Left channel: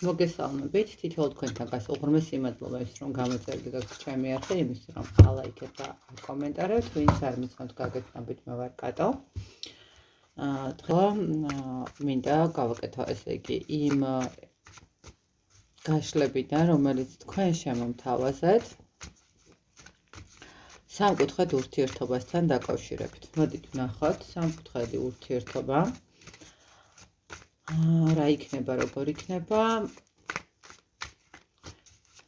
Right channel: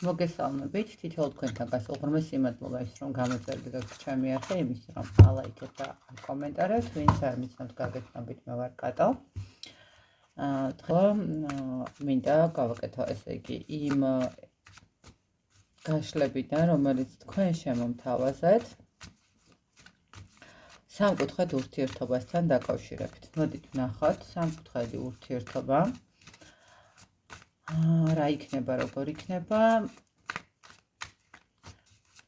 მოგესალმებით, თითოეულ თქვენთან გასულღრმეს იმადლობა ის, რომ გამოწერდი გაქვთ ჩემი არხი, იმის, რომ ალაიქებთ და კომენტარებთ, ვინც არ მიცნობთ გაგეთნობით, მე ვარ კატო. დღეს მინდა გავაკეთო ესე იგი იმ გაშლებიდან, რომელიც თქვენ შემომთავაზეთ სამკუთხედ ურთიერთობასთან დაკავშირებით. მოდით ვნახოთ სამკუთხედი ურთიერთობა. რა იქნება, როგორ იქნება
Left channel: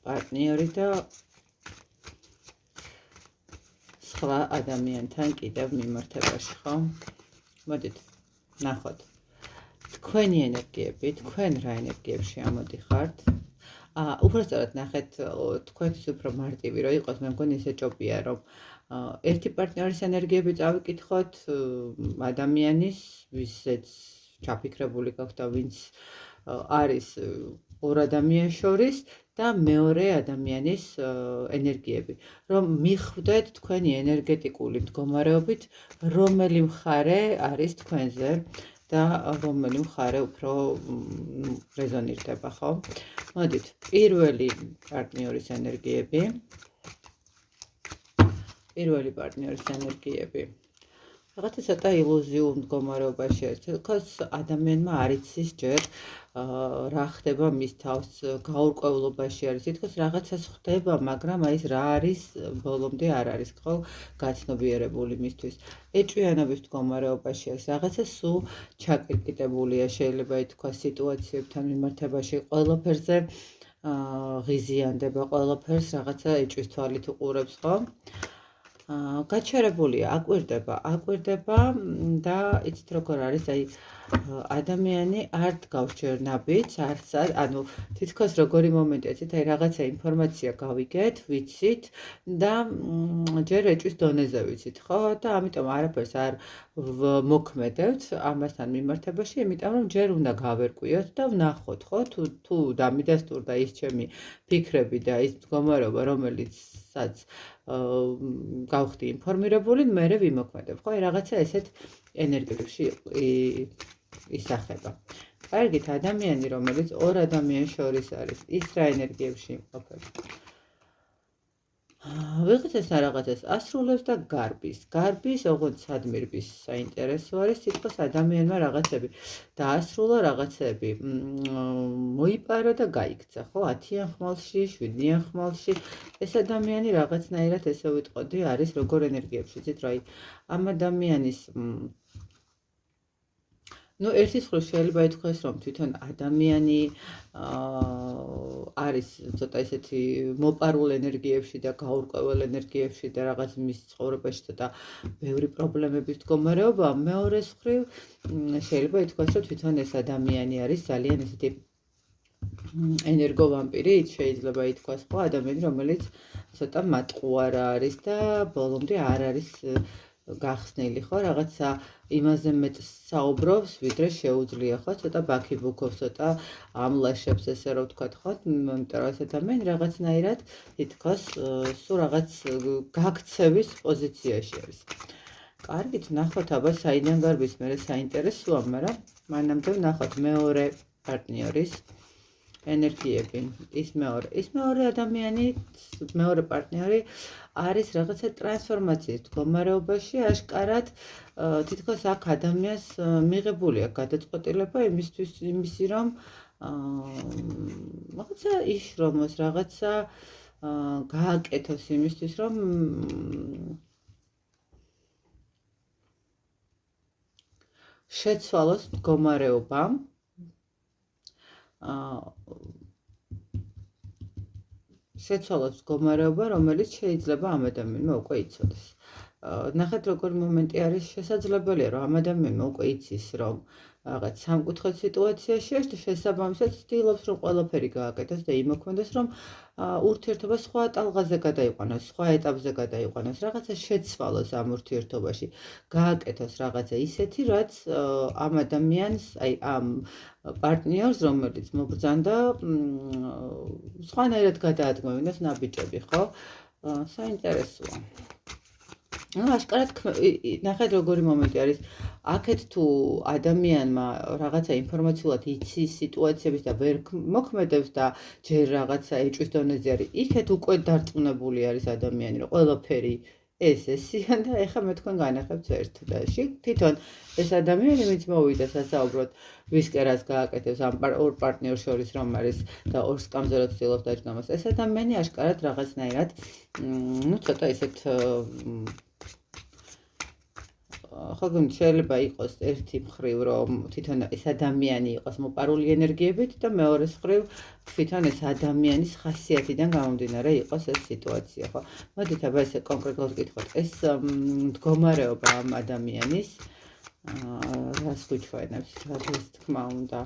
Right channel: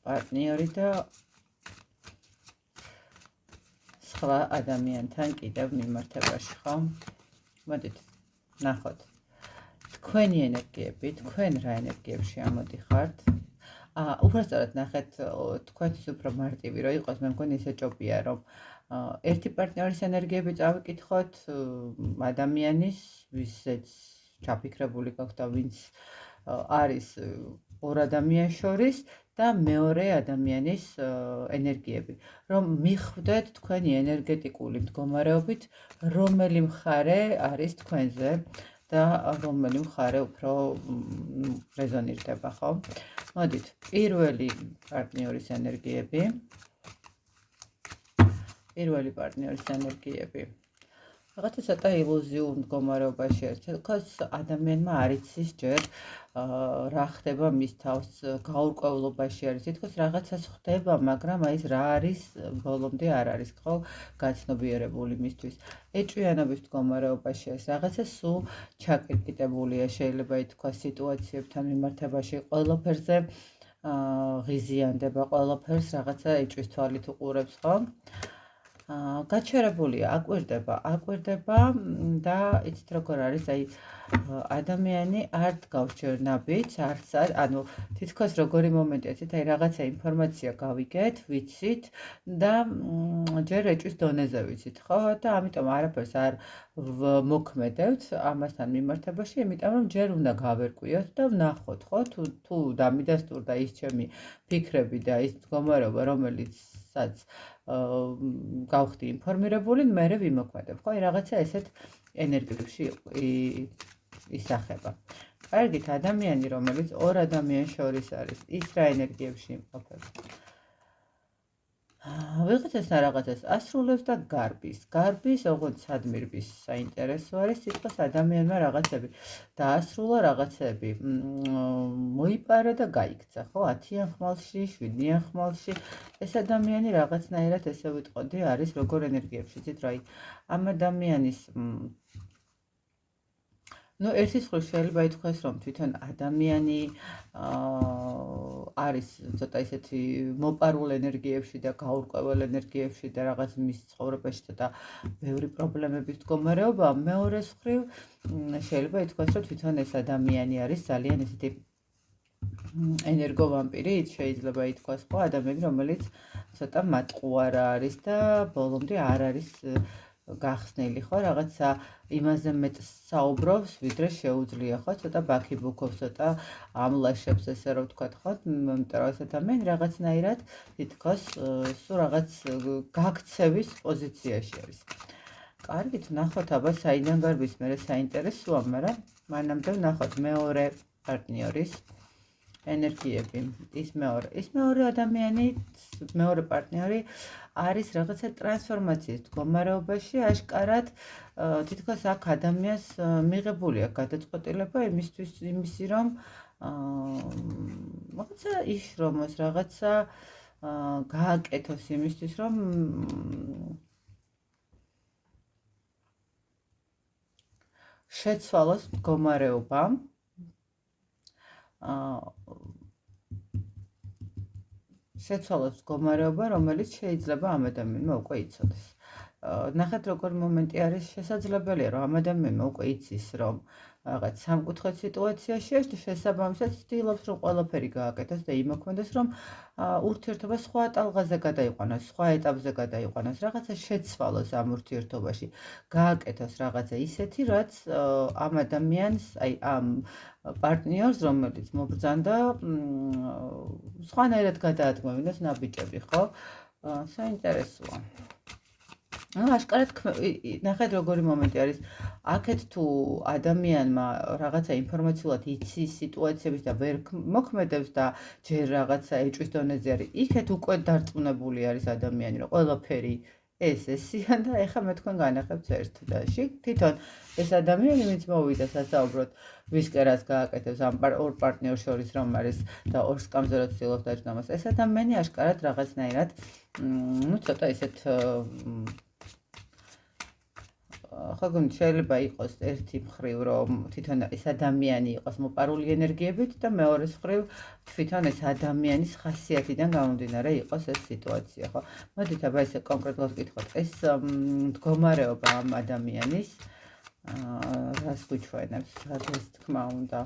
პარტნიორი და სხვა ადამიანთან კიდევ მიმართებაში, ხო? მოდით ვნახოთ თქვენი ენერგიები, თქვენ რა ენერგიებში ამოდიხართ. უბრალოდ ნახეთ, თქვენთვის უფრო მარტივი რო იყოს, მე მგონი ესე ჭობია, რომ ერთი პარტნიორის ენერგიები წავიკითხოთ, ადამიანის, ვისაც ჩაფიქრებული გაქვთ და ვინც არის ორ ადამიანს შორის და მეორე ადამიანის ენერგიები, რომ მიხვდეთ თქვენი ენერგეტიკული მდგომარეობით, რომელი მხარე არის თქვენზე და რომელი მხარე უფრო რეზონირდება, ხო? მოდით, პირველი პარტნიორის ენერგიები. რაღაცა ცოტა ილუზიურ მდგომარეობაში არის, თქოს ადამიანმა არ იცის ჯერ რა ხდება მის თავს, გაურკვევლობაში არის, თითქოს რაღაცას ხდება, მაგრამ აი ეს რა არის, ბოლომდე არ არის, ხო, გაცნობიერებული მისთვის. ეჭვიანობის მდგომარეობაში არის, რაღაცა სულ ჩაკირკიტებულია, შეიძლება ითქვას სიტუაციებთან მიმართებაში, ყველაფერზე ღიზიანდება, ყველაფერს რაღაცა ეჭვის თვალით უყურებს, ხო? გაჩერებულია, აკვირდება და იცით როგორ არის, აი ადამიანი არ დგავს ჯერ ნაბიჯს, ანუ თითქოს როგორი მომენტია, აი რაღაცა ინფორმაცია გავიგეთ, ვიცით და ჯერ ეჭვის დონეზე ვიცით, ხო? და ამიტომ არაფერს არ მოქმედებთ ამასთან მიმართებაში, იმიტომ რომ ჯერ უნდა გავერკვიოთ და ვნახოთ, ხო? თუ დამიდასტურდა ის ჩემი ფიქრები და ის მდგომარეობა, რომელიცაც გავხდი ინფორმირებული, მერე ვიმოქმედებ, ხო? რაღაცა ესეთ ენერგიებში ისახება. კარგით, ადამიანი, რომელიც ორ ადამიანს შორის არის, ის რა ენერგიებში იმყოფება? ვიღაცასთან რაღაცას ასრულებს და გარბის, ოღონდ სადმირბის საინტერესო არის, თითქოს ადამიანმა რაღაცები დაასრულა, რაღაცები მოიპარა და გაიქცა, ხო? 10-იან ხმალში, 7-იან ხმალში, ეს ადამიანი რაღაცნაირად ესე ვიტყოდი, არის როგორ ენერგიებში, იცით რა, ამ ადამიანის ერთის მხრივ შეიძლება ითქვას, რომ თვითონ ადამიანი არის ცოტა ისეთი მოპარულ ენერგიებში და გაურკვეველ ენერგიებში და რაღაც მის ცხოვრებაში ცოტა ბევრი პრობლემების მდგომარეობა. მეორეს მხრივ შეიძლება ითქვას, რომ თვითონ ეს ადამიანი არის ძალიან ისეთი ენერგოვამპირი, შეიძლება ითქვას, ხო, ადამიანი, რომელიც ცოტა მატყუარა არის და ბოლომდე არ არის გახსნილი, ხო, რაღაცა იმაზე მეტ საუბრობს, ვიდრე შეუძლია, ხო, ცოტა ბაქიბუქობს, ცოტა ამლაშებს, ესე რომ ვთქვათ, ხო, იმიტომ რომ ეს ადამიანი რაღაცნაირად თითქოს სულ რაღაც გაქცევის პოზიციაში არის. კარგით, ვნახოთ, აბა საიდან გარბის, მერე საინტერესოა, მაგრამ მანამდე ვნახოთ მეორე პარტნიორის ენერგიები. ის მეორე ადამიანი, მეორე პარტნიორი არის რაღაცა ტრანსფორმაციის მდგომარეობაში, აშკარად თითქოს აქ ადამიანს მიღებული აქვს გადაწყვეტილება იმისი, რომ რაღაცა იშრომოს, რაღაცა გააკეთოს იმისთვის, რომ შეცვალოს მდგომარეობა. შეცვალოს მდგომარეობა, რომელიც შეიძლება ამ ადამიანმა უკვე იცოდეს. ნახეთ, როგორ მომენტი არის, შესაძლებელია, რომ ამ ადამიანმა უკვე იცის, რომ რაღაც სამკუთხედ სიტუაციაში არის და შესაბამისად ცდილობს, რომ ყველაფერი გააკეთოს და იმოქმედოს, რომ ურთიერთობა სხვა ტალღაზე გადაიყვანოს, სხვა ეტაპზე გადაიყვანოს, რაღაცა შეცვალოს ამ ურთიერთობაში, გააკეთოს რაღაცა ისეთი, რაც ამ ადამიანს, აი ამ პარტნიორს, რომელიც მობრძანდა, სხვანაირად გადაადგმევინოს ნაბიჯები, ხო? საინტერესოა. აშკარად ნახეთ როგორი მომენტი არის. აქეთ თუ ადამიანმა რაღაცა ინფორმაციულად იცის სიტუაციების და ვერ მოქმედებს და ჯერ რაღაცა ეჭვის დონეზე არის, იქეთ უკვე დარწმუნებული არის ადამიანი, რომ ყველაფერი ესეა და ეხლა მე თქვენ განახებთ ერთ და თვითონ ეს ადამიანი ვინც მოვიდა სასაუბროდ ვისკენ რაც გააკეთებს ამ ორ პარტნიორს შორის რომ არის და ორ სკამზე ცდილობს დაჯდომას, ეს ადამიანი აშკარად რაღაცნაირად ცოტა ისეთ ხო შეიძლება იყოს ერთი მხრივ რომ თვითონ ეს ადამიანი იყოს მოპარული ენერგიებით და მეორე მხრივ თვითონ ეს ადამიანის ხასიათიდან გამომდინარე იყოს ეს სიტუაცია, ხო? მოდით აბა ესე კონკრეტულად ვკითხოთ, ეს მდგომარეობა ამ ადამიანის რას გვიჩვენებს, რას თქმა უნდა.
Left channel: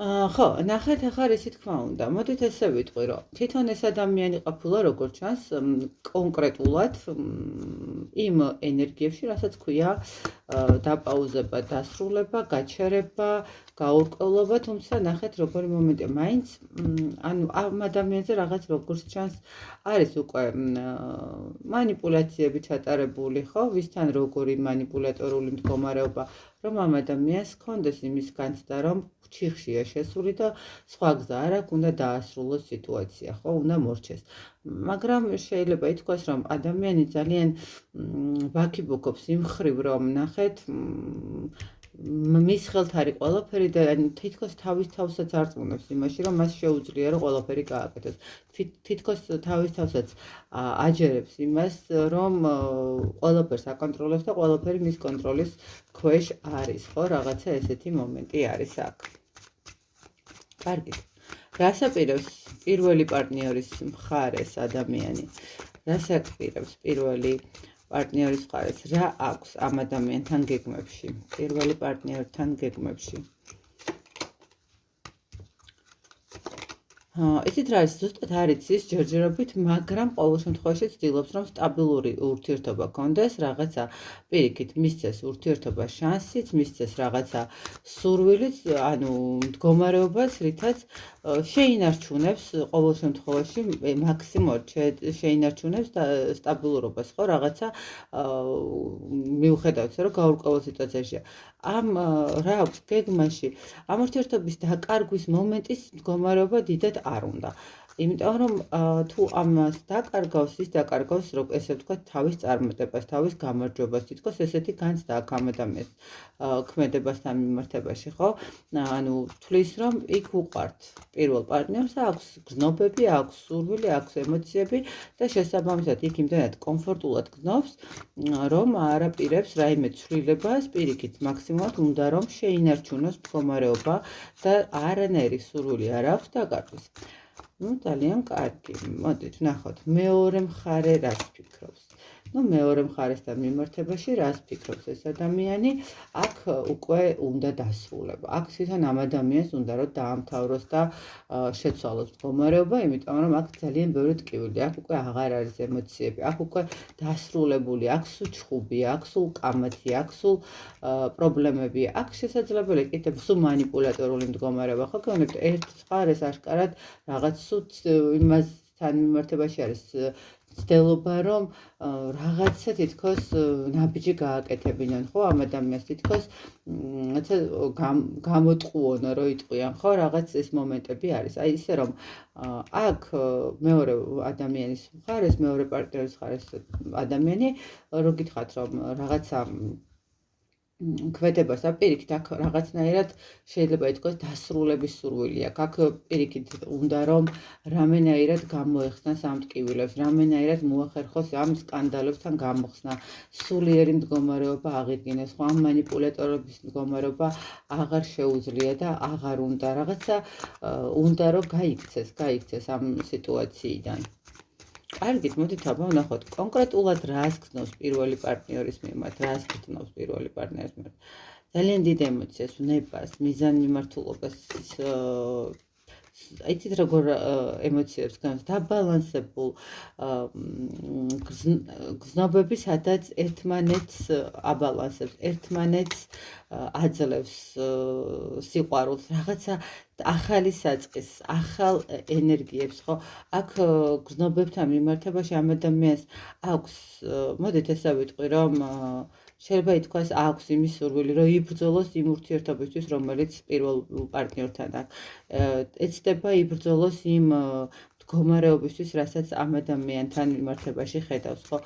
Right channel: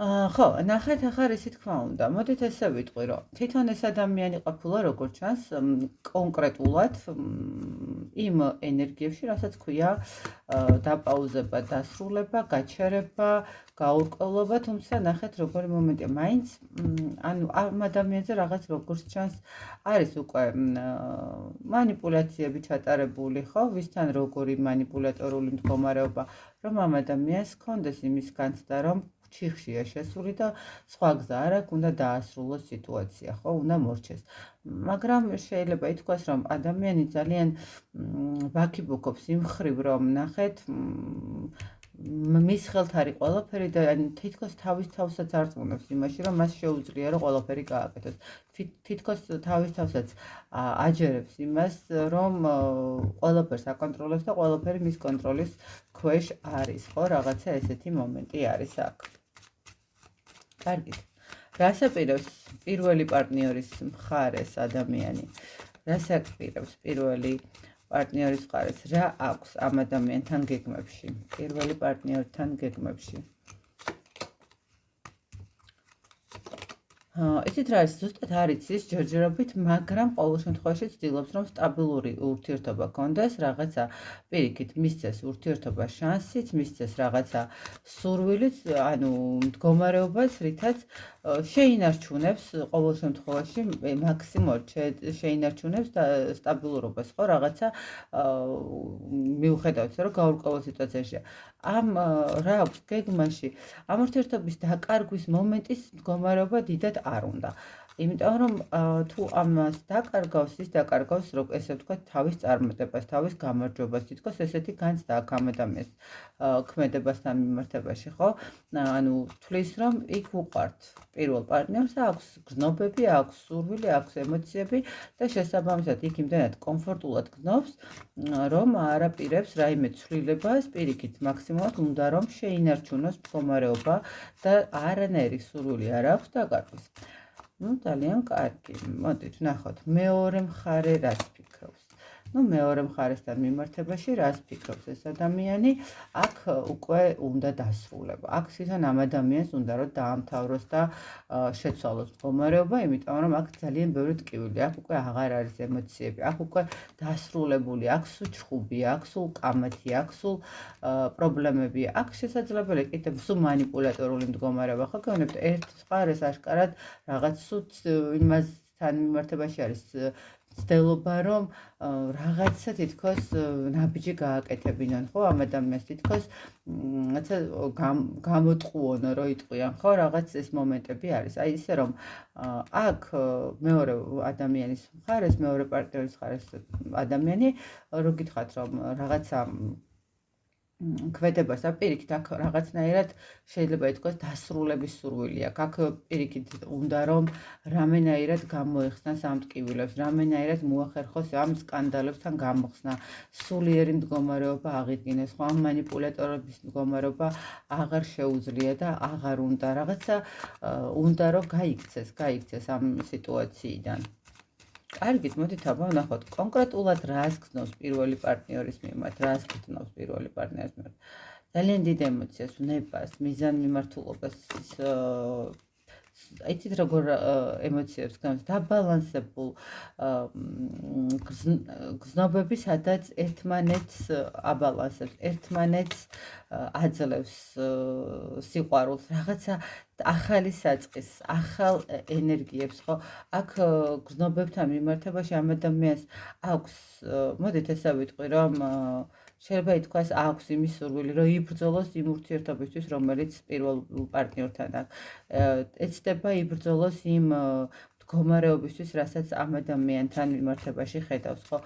ხო, ნახეთ ახლა რისი თქმა უნდა. მოდით ესე ვიტყვი, რომ თვითონ ეს ადამიანი ყოფილა როგორც ჩანს კონკრეტულად იმ ენერგიებში, რასაც ქვია დაპაუზება, დასრულება, გაჩერება, გაურკვევლობა, თუმცა ნახეთ როგორი მომენტია. მაინც ანუ ამ ადამიანზე რაღაც როგორც ჩანს არის უკვე მანიპულაციები ჩატარებული, ხო? ვისთან როგორი მანიპულატორული მდგომარეობა, რომ ამ ადამიანს ჰქონდეს იმის განცდა, რომ ჩიხშია შესული და სხვა გზა არ აქვს, უნდა დაასრულოს სიტუაცია, ხო, უნდა მორჩეს. მაგრამ შეიძლება ითქვას, რომ ადამიანი ძალიან ვაკიბოქობს იმ მხრივ, რომ ნახეთ, მის ხელთ არის ყველაფერი და თითქოს თავის თავსაც არწმუნებს იმაში, რომ მას შეუძლია რომ ყველაფერი გააკეთოს. თითქოს თავის თავსაც აჯერებს იმას, რომ ყველაფერს აკონტროლებს და ყველაფერი მის კონტროლის ქვეშ არის, ხო, რაღაცა ესეთი მომენტი არის აქ. კარგით. რას აპირებს პირველი პარტნიორის მხარეს ადამიანი? რას აპირებს პირველი პარტნიორის მხარეს? რა აქვს ამ ადამიანთან გეგმებში? პირველი პარტნიორთან გეგმებში? იცით რა არის, ზუსტად არ იცის ჯერჯერობით, მაგრამ ყოველ შემთხვევაში ცდილობს, რომ სტაბილური ურთიერთობა გქონდეს, რაღაცა პირიქით მისცეს ურთიერთობა შანსიც, მისცეს რაღაცა სურვილიც, ანუ მდგომარეობას, რითაც შეინარჩუნებს ყოველ შემთხვევაში მაქსიმუმად შეინარჩუნებს სტაბილურობას, ხო, რაღაცა მიუხედავად ისე, რომ გაურკვეველ სიტუაციაშია. ამ რა აქვს გეგმაში? ამ ურთიერთობის დაკარგვის მომენტის მდგომარეობა დიდად არ უნდა. იმიტომ რომ თუ ამას დაკარგავს, ის დაკარგავს, ესე ვთქვათ, თავის წარმატებას, თავის გამარჯვებას, თითქოს ესეთი განცდა აქვს ამ ადამიანს ქმედებასთან მიმართებაში, ხო? ანუ თვლის, რომ იქ უყვართ პირველ პარტნიორს, აქვს გზნობები, აქვს სურვილი, აქვს ემოციები და შესაბამისად იქ იმდენად კომფორტულად გზნობს, რომ არ აპირებს რაიმე ცვლილებას, პირიქით მაქსიმუმად უნდა რომ შეინარჩუნოს მდგომარეობა და არანაირი სურვილი არ აქვს დაკარგვის. ძალიან კარგი. მოდით ვნახოთ მეორე მხარე რას ფიქრობს. მეორე მხარესთან მიმართებაში რას ფიქრობს ეს ადამიანი? აქ უკვე უნდა დასრულება. აქ თვითონ ამ ადამიანს უნდა რომ დაამთავროს და შეცვალოს მდგომარეობა, იმიტომ რომ აქ ძალიან ბევრი ტკივილი, აქ უკვე აღარ არის ემოციები, აქ უკვე დასრულებული, აქ სულ ჩხუბია, აქ სულ კამათი, აქ სულ პრობლემებია. აქ შესაძლებელია კიდევ სულ მანიპულატორული მდგომარეობა, ხო გეუბნებთ, ერთ მხარეს აშკარად რაღაც სულ იმასთან მიმართებაში არის ცდილობა, რომ რაღაცა თითქოს ნაბიჯი გააკეთებინონ, ხო, ამ ადამიანს თითქოს რაცა გამოტყუონო რო იტყვიან, ხო, რაღაც ეს მომენტები არის. აი ისე რომ აქ მეორე ადამიანის მხარეს, მეორე პარტნიორის მხარეს ადამიანი რო გითხათ, რომ რაღაცა ქმედებას აპირიქით, აქ რაღაცნაირად შეიძლება ითქვას დასრულების სურვილი აქვს. აქ პირიქით უნდა რომ რამენაირად გამოეხსნას ამ ტკივილებს, რამენაირად მოახერხოს ამ სკანდალებთან გამოხსნა, სულიერი მდგომარეობა აღიდგინოს, ხო, ამ მანიპულატორების მდგომარეობა აღარ შეუძლია და აღარ უნდა რაღაცა უნდა რომ გაიქცეს ამ სიტუაციიდან. კარგით, მოდით აბა ვნახოთ კონკრეტულად რას გრძნობს პირველი პარტნიორის მიმართ, რას გრძნობს პირველი პარტნიორის მიმართ. ძალიან დიდ ემოციას, ვნებას, მიზანმიმართულობას, იცით როგორ ემოციებს გავს დაბალანსებულ გზნობები, სადაც ერთმანეთს აბალანსებს, ერთმანეთს აძლევს სიყვარულს, რაღაცა ახალი საწყის, ახალ ენერგიებს, ხო? აქ გზნობებთან მიმართებაში ამ ადამიანს აქვს, მოდით ესე ვიტყვი, რომ შეიძლება ითქვას, აქვს იმის სურვილი, რომ იბრძოლოს იმ ურთიერთობისთვის, რომელიც პირველ პარტნიორთან აქვს. ეცდება იბრძოლოს იმ მდგომარეობისთვის, რასაც ამ ადამიანთან მიმართებაში ხედავს, ხო?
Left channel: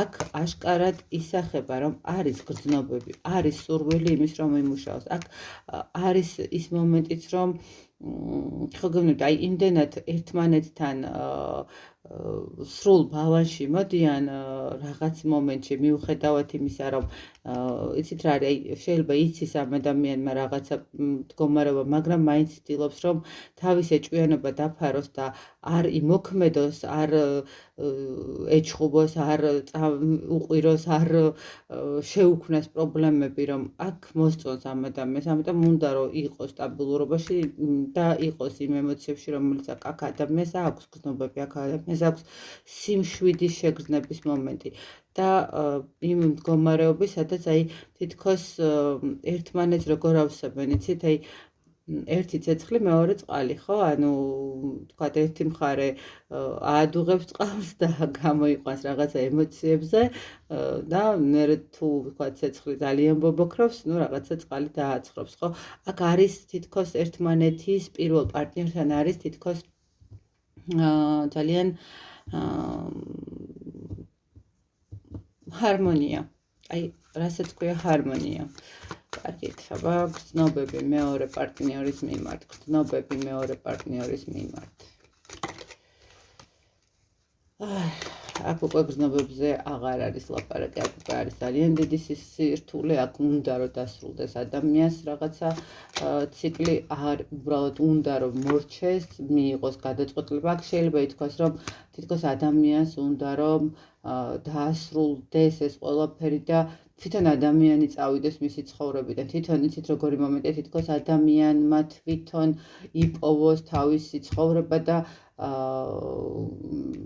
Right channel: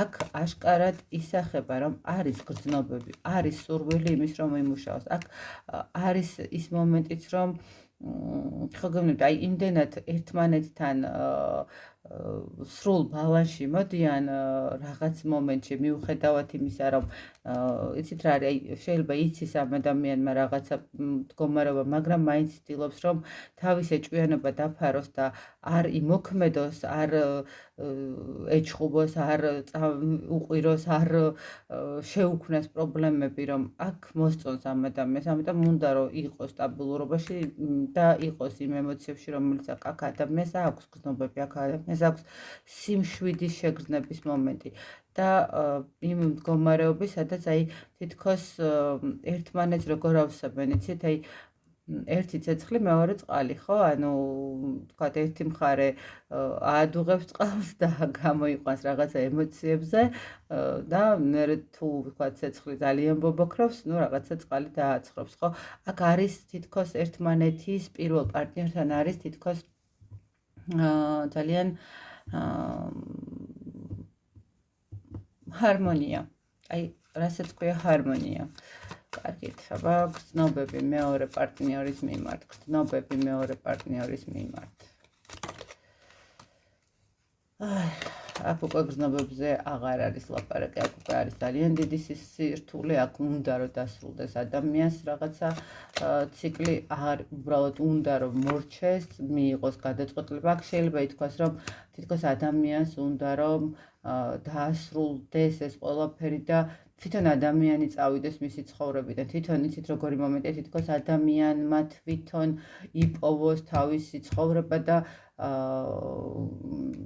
აქ აშკარად ისახება, რომ არის გრძნობები, არის სურვილი იმის, რომ იმუშაოს. აქ არის ის მომენტიც, რომ ხო გეუბნებით, აი იმდენად ერთმანეთთან სრულ ბალანსში მოდიან რაღაც მომენტში მიუხედავად იმისა, რომ იცით რა არის, აი შეიძლება იცის ამ ადამიანმა რაღაცა მდგომარეობა, მაგრამ მაინც ცდილობს, რომ თავის ეჭვიანობა დაფაროს და არ იმოქმედოს, არ ეჩხუბოს, არ უყვიროს, არ შეუქმნას პრობლემები, რომ აქ მოსწონს ამ ადამიანს, ამიტომ უნდა რომ იყოს სტაბილურობაში და იყოს იმ ემოციებში, რომელიც აქ ადამიანს აქვს გრძნობები, აქ ადამიანს აქვს სიმშვიდის შეგრძნების მომენტი და იმ მდგომარეობის, სადაც აი თითქოს ერთმანეთს როგორ ავსებენ, იცით, აი ერთი ცეცხლი, მეორე წყალი, ხო? ანუ თქვათ, ერთი მხარე აადუღებს წყალს და გამოიყვანს რაღაცა ემოციებზე და მერე თუ ვთქვათ, ცეცხლი ძალიან ბობოქრობს, ну რაღაცა წყალი დააცხრობს, ხო? აქ არის თითქოს ერთმანეთის პირველ პარტნიორთან არის თითქოს ძალიან ჰარმონია. აი, რასაც ქვია ჰარმონია. კარგით, აბა გრძნობები მეორე პარტნიორის მიმართ, გრძნობები მეორე პარტნიორის მიმართ. აქ უკვე გრძნობებზე აღარ არის ლაპარაკი, აქ უკვე არის ძალიან დიდი სირთულე, აქ უნდა რომ დასრულდეს ადამიანს რაღაცა ციკლი, აღარ უბრალოდ უნდა რომ მორჩეს, მიიღოს გადაწყვეტილება. აქ შეიძლება ითქვას, რომ თითქოს ადამიანს უნდა რომ დაასრულდეს ეს ყველაფერი და თვითონ ადამიანი წავიდეს მისი ცხოვრებიდან. თვითონ იცით როგორი მომენტია, თითქოს ადამიანმა თვითონ იპოვოს თავისი ცხოვრება და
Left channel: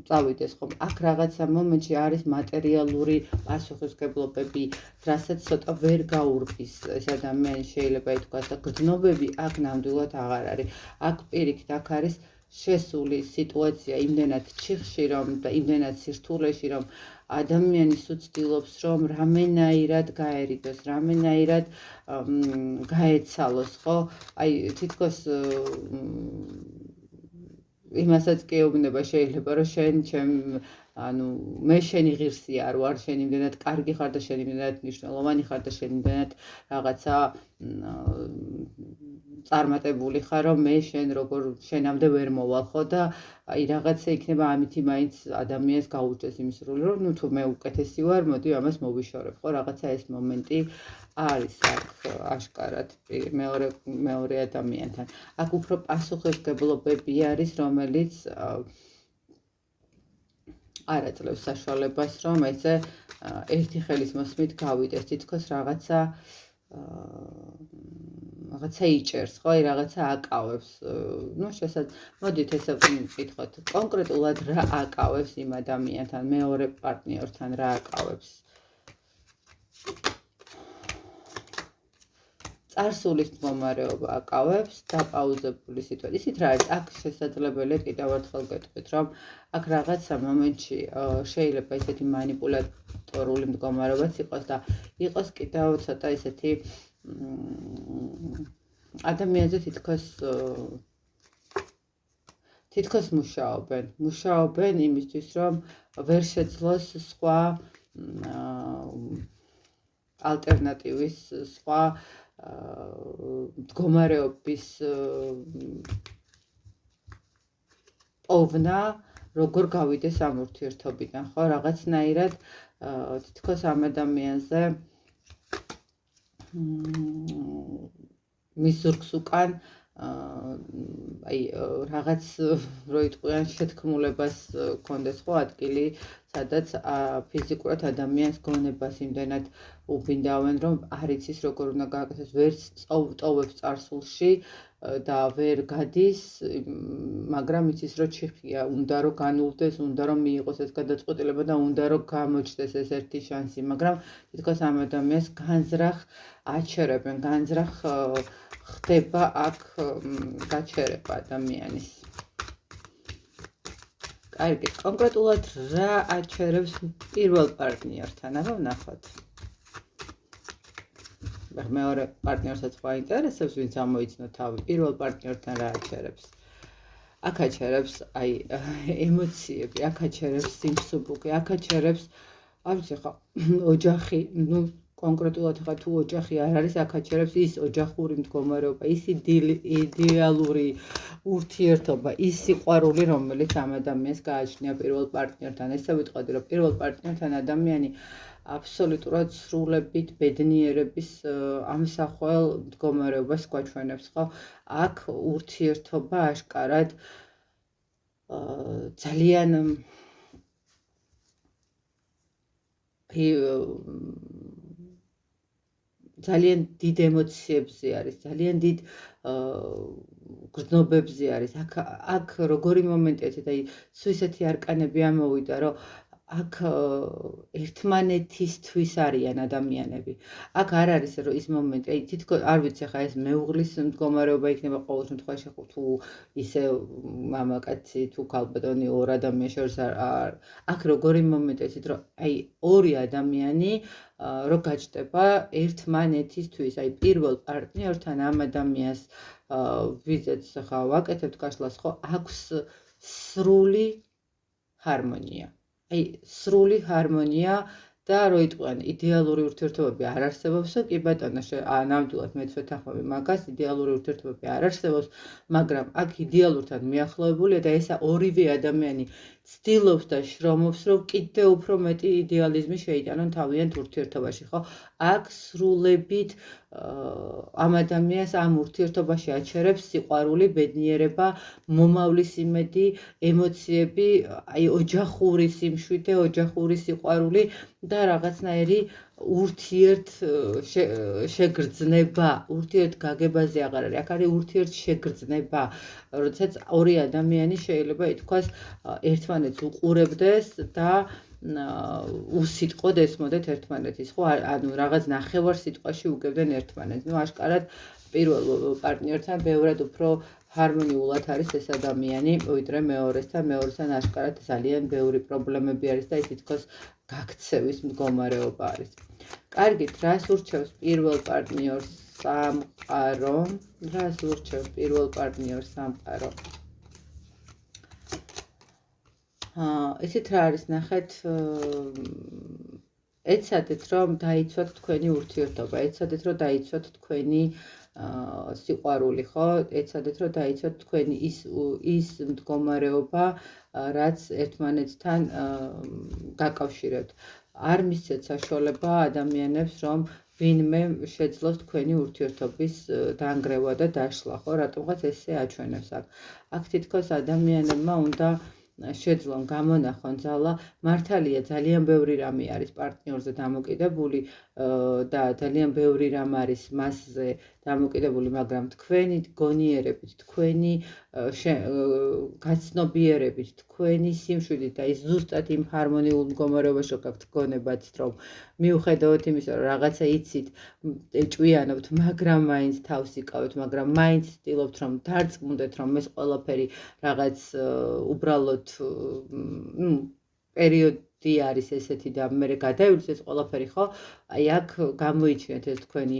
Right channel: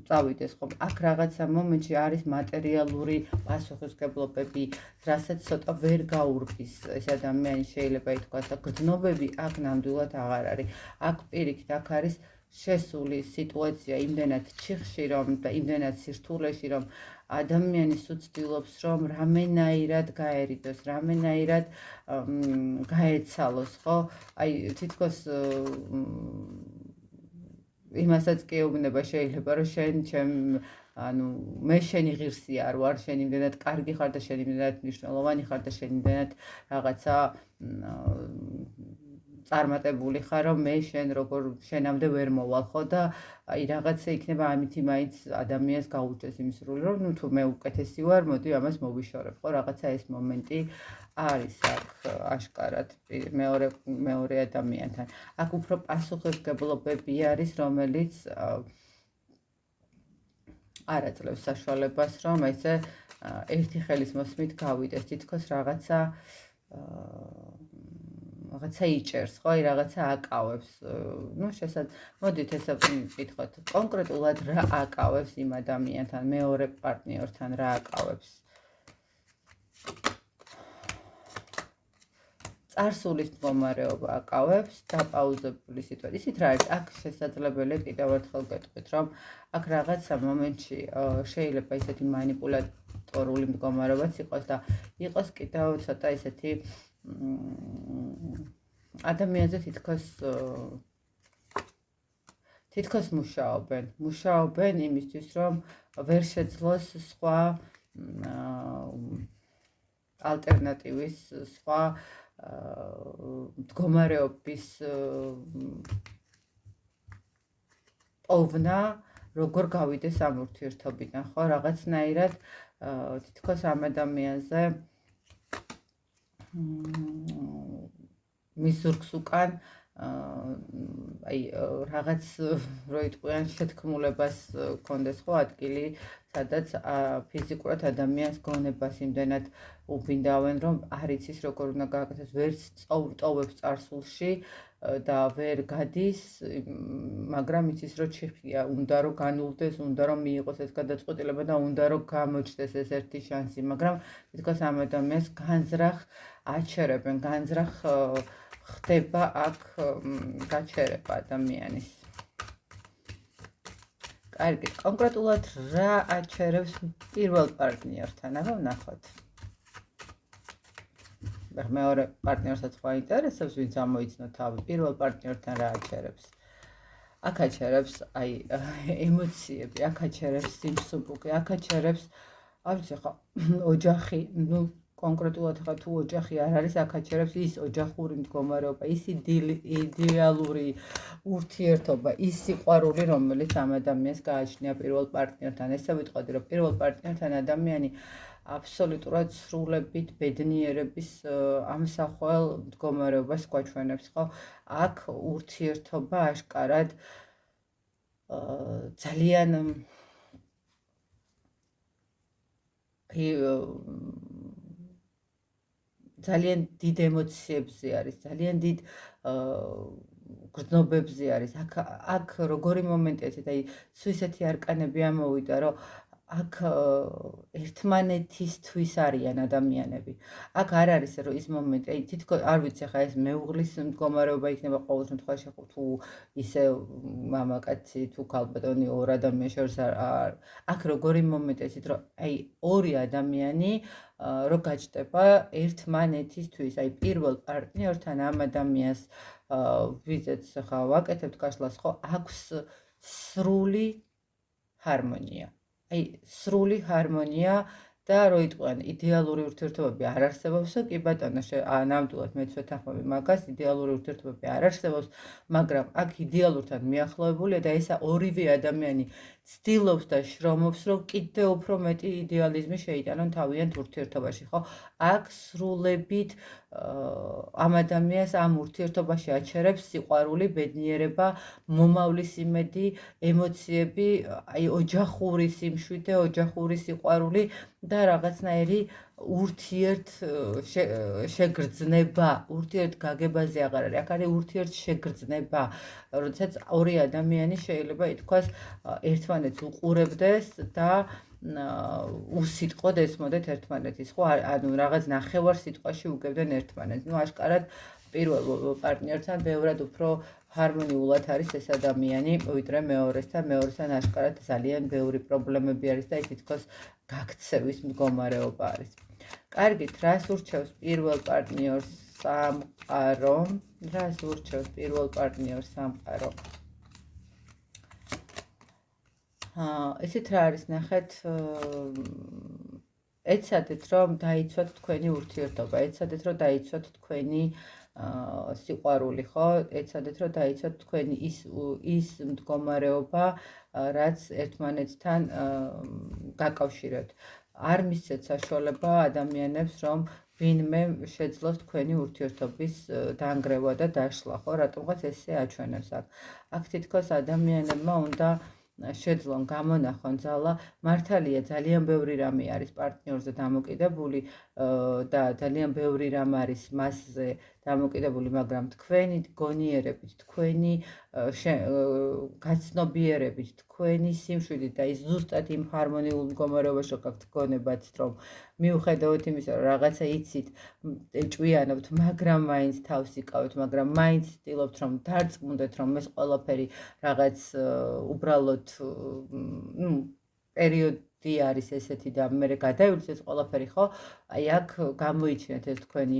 წავიდეს, ხო? აქ რაღაცა მომენტში არის მატერიალური პასუხისმგებლობები, რასაც ცოტა ვერ გაურბის ეს ადამიანი, შეიძლება ითქვას, და გრძნობები აქ ნამდვილად აღარ არის. აქ პირიქით, აქ არის შესული სიტუაცია იმდენად ჩიხში, რომ და იმდენად სირთულეში, რომ ადამიანის უცდილობს, რომ რამენაირად გაერიდოს, რამენაირად გაეცალოს, ხო? აი, თითქოს იმასაც კი ეუბნება შეიძლება, რომ შენ ანუ მე შენი ღირსი არ ვარ, შენ იმდენად კარგი ხარ და შენ იმდენად მნიშვნელოვანი ხარ და შენ იმდენად რაღაცა წარმატებული ხარ, რომ მე შენ როგორ შენამდე ვერ მოვალ, ხო? და აი რაღაცა იქნება ამითი მაინც ადამიანს გაუჭდეს იმის სრული, რომ ნუ თუ მე უკეთესი ვარ, მოდი ამას მოვიშორებ, ხო? რაღაცა ეს მომენტი არის აქ აშკარად მეორე ადამიანთან. აქ უფრო პასუხისმგებლობები არის, რომელიც არ აძლევს საშუალებას, რომ ესე ერთი ხელის მოსმით გავიდეს, თითქოს რაღაცა იჭერს, ხო? აი რაღაცა აკავებს. ну მოდით ესე ვკითხოთ, კონკრეტულად რა აკავებს იმ ადამიანთან, მეორე პარტნიორთან რა აკავებს? წარსულის მდგომარეობა აკავებს, დაპაუზებული სიტუაცია. ისიც რა არის, აქ შესაძლებელია კიდევ ერთხელ გეტყვით, რომ აქ რაღაცა მომენტში შეიძლება ისეთი მანიპულატორული მდგომარეობაც იყოს და იყოს კიდევ ცოტა ისეთი ადამიანზე თითქოს მუშაობენ იმისთვის, რომ ვერ შეძლოს სხვა ალტერნატივის, სხვა მდგომარეობის პოვნა, როგორ გავიდეს ამ ურთიერთობიდან, ხო? რაღაცნაირად თითქოს ამ ადამიანზე მის ზურგს უკან აი რაღაც რო იტყვიან შეთქმულებას კონდეს, ხო, ადგილი, სადაც ფიზიკურად ადამიანს გონებას იმდენად უბინდავენ, რომ არ იცის როგორ უნდა გააკეთოს, ვერც ტოვებს წარსულში და ვერ გადის, მაგრამ იცის რომ ჩიხია, უნდა რომ განულდეს, უნდა რომ მიიღოს ეს გადაწყვეტილება და უნდა რომ გამოჩნდეს ეს ერთი შანსი, მაგრამ თითქოს ამ ადამიანს განზრახ აჩერებენ, განზრახ ხდება აქ გაჩერება ადამიანის. კარგი, კონკრეტულად რა აჩერებს პირველ პარტნიორთან, აბა ვნახოთ. მეორე პარტნიორსაც ხო აინტერესებს, ვინც ამოიცნო თავი, პირველ პარტნიორთან რა აჩერებს. აქ აჩერებს აი ემოციები, აქ აჩერებს სიმსუბუქე, აქ აჩერებს, არ ვიცი ხო, ოჯახი, ну კონკრეტულად ხა თუ ოჯახი არ არის, აქ აჩერებს ის ოჯახური მდგომარეობა, ის იდეალური ურთიერთობა, ის სიყვარული, რომელიც ამ ადამიანს გააჩნია პირველ პარტნიორთან. ესე ვიტყოდი, რომ პირველ პარტნიორთან ადამიანი აბსოლუტურად სრულებით ბედნიერების ამსახველ მდგომარეობას გვაჩვენებს, ხო? აქ ურთიერთობა აშკარად ძალიან ძალიან დიდ ემოციებზე არის, ძალიან დიდ გრძნობებზე არის. აქ როგორი მომენტია, აი სუისეთი არკანები ამოვიდა, რომ აქ ერთმანეთისთვის არიან ადამიანები. აქ არ არის რომ ის მომენტი, აი თითქოს არ ვიცი ხა ეს მეუღლის მდგომარეობა იქნება ყოველ შემთხვევაში თუ ისე მამაკაცი თუ ქალბატონი ორ ადამიანს შორის აქ როგორი მომენტია, იცით რომ აი ორი ადამიანი რო გაჩნდება ერთმანეთისთვის, აი პირველ პარტნიორთან ამ ადამიანს ვიზეც ხა ვაკეთებთ გაშლას, ხო, აქვს სრული ჰარმონია. აი სრული ჰარმონია და რო იტყვიან იდეალური ურთიერთობები არ არსებობს, კი ბატონო, ნამდვილად მეც ვეთანხმები მაგას, იდეალური ურთიერთობები არ არსებობს, მაგრამ აქ იდეალურთან მიახლოებულია და ესა ორივე ადამიანი ცდილობს და შრომობს, რომ კიდევ უფრო მეტი იდეალიზმი შეიტანონ თავიანთ ურთიერთობაში, ხო? აქ სრულებით ამ ადამიანს ამ ურთიერთობაში აჩერებს სიყვარული, ბედნიერება, მომავლის იმედი, ემოციები, აი ოჯახური სიმშვიდე, ოჯახური სიყვარული და რაღაცნაირი შეგრძნება, ურთიერთ გაგებაზე აღარ არის, აქ არის ურთიერთ შეგრძნება, როდესაც ორი ადამიანი შეიძლება ითქვას ერთმანეთს უყურებდეს და უსიტყვოდ ესმოდეთ ერთმანეთის, ხო? ანუ რაღაც ნახევარ სიტყვაში უგებდნენ ერთმანეთს. ნუ აშკარად პირველ პარტნიორთან ბევრად უფრო ჰარმონიულად არის ეს ადამიანი, ვიდრე მეორესთან. მეორესთან აშკარად ძალიან ბევრი პრობლემები არის და ის თითქოს გაქცევის მდგომარეობა არის. კარგით, რას ურჩევს პირველ პარტნიორს სამყარო? რას ურჩევს პირველ პარტნიორს სამყარო? ესეთ რა არის, ნახეთ, ეცადეთ რომ დაიცვათ თქვენი ურთიერთობა, ეცადეთ რომ დაიცვათ თქვენი სიყვარული, ხო? ეცადეთ რომ დაიცვათ თქვენი ის მდგომარეობა, რაც ერთმანეთთან გაკავშირებთ. არ მისცეთ საშუალება ადამიანებს, რომ ვინმე შეძლოს თქვენი ურთიერთობის დანგრევა და დაშლა, ხო? რატომღაც ესე აჩვენებს აქ. აქ თითქოს ადამიანებმა უნდა შეძლონ გამონახონ ძალა, მართალია ძალიან ბევრი რამე არის პარტნიორზე დამოკიდებული და ძალიან ბევრი რამ არის მასზე დამოკიდებული, მაგრამ თქვენი გონიერებით, თქვენი გაცნობიერებით, თქვენი სიმშვიდით და ის ზუსტად იმ ჰარმონიულ მდგომარეობაში გაქვთ გონებაც, რომ მიუხედავად იმისა, რომ რაღაცა იცით, ეჭვიანობთ, მაგრამ მაინც თავს იკავეთ, მაგრამ მაინც ცდილობთ, რომ დარწმუნდეთ, რომ ეს ყველაფერი რაღაც უბრალოდ პერიოდი არის ესეთი და მე გადაივლის ეს ყველაფერი, ხო? აი აქ გამოიჩინეთ ეს თქვენი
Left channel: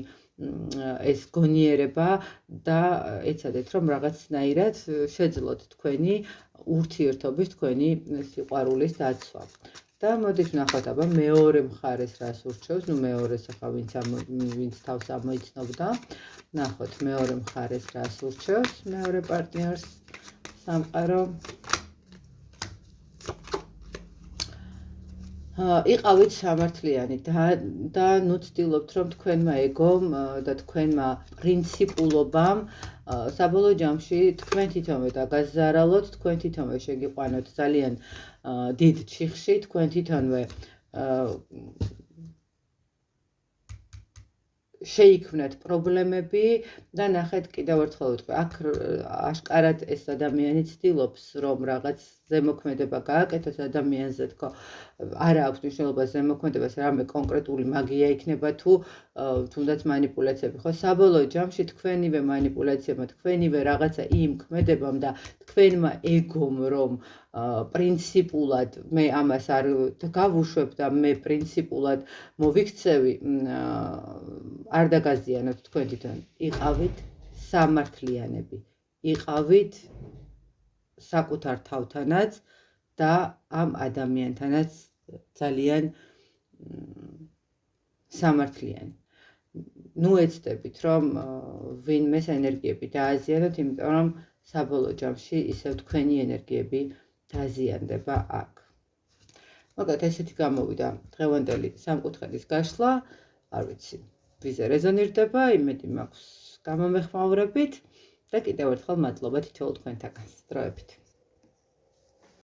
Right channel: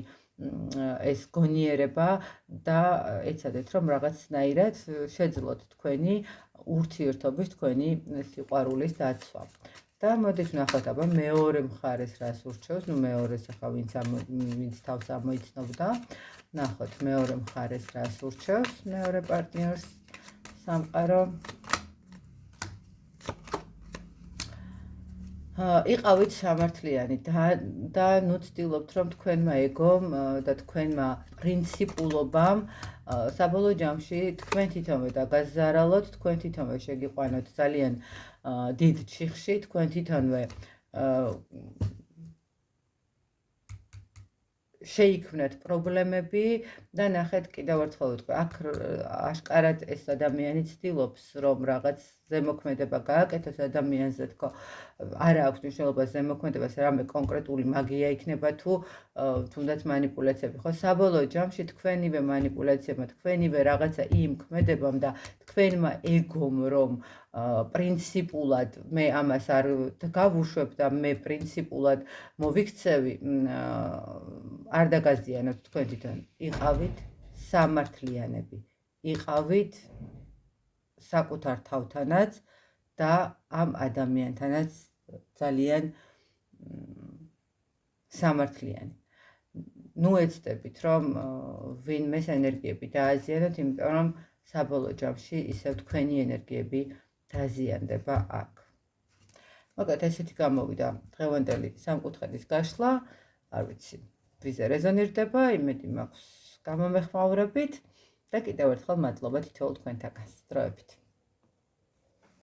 ეს გონიერება და ეცადეთ, რომ რაღაცნაირად შეძლოთ თქვენი ურთიერთობის, თქვენი სიყვარულის დაცვა. და მოდით ვნახოთ, აბა მეორე მხარეს რას ურჩევს, ნუ მეორეს ახლა ვინც თავს ამოიცნობდა, ვნახოთ მეორე მხარეს რას ურჩევს, მეორე პარტნიორს სამყარო. იყავით სამართლიანი და ნუ ცდილობთ, რომ თქვენმა ეგომ და თქვენმა პრინციპულობამ საბოლოო ჯამში თქვენ თვითონვე დაგაზარალოთ, თქვენ თვითონვე შეგიყვანოთ ძალიან დიდ ჩიხში, თქვენ თვითონვე შეიქმნათ პრობლემები და ნახეთ კიდევ ერთხელ ვიტყვი, აქ აშკარად ეს ადამიანი ცდილობს, რომ რაღაც ზემოქმედება გააკეთოს ადამიანზე, თქო, არა აქვს მნიშვნელობა ზემოქმედებას, რამე კონკრეტული მაგია იქნება თუ თუნდაც манипуляციები, ხო, საბოლოო ჯამში თქვენივე манипуляციებმა, თქვენივე რაღაცა იმ ქმედებამ და თქვენმა ეგომ, რომ პრინციპულად მე ამას არ გავუშვებ და მე პრინციპულად მოვიქცევი, არ დაგაზიანოთ თქვენ თვითონ. იყავით სამართლიანები, იყავით საკუთარ თავთანაც და ამ ადამიანთანაც ძალიან სამართლიანი. ნუ ეცდებით, რომ ვინმეს ენერგიები დააზიანოთ, იმიტომ რომ საბოლოო ჯამში ისევ თქვენი ენერგიები დაზიანდება აქ. მოკლედ ესეთი გამოვიდა დღევანდელი სამკუთხედის გაშლა, არ ვიცი, ვიზე რეზონირდება, იმედი მაქვს გამომეხმაურებით და კიდევ ერთხელ მადლობა თითოეულ თქვენთაგანს. დროებით.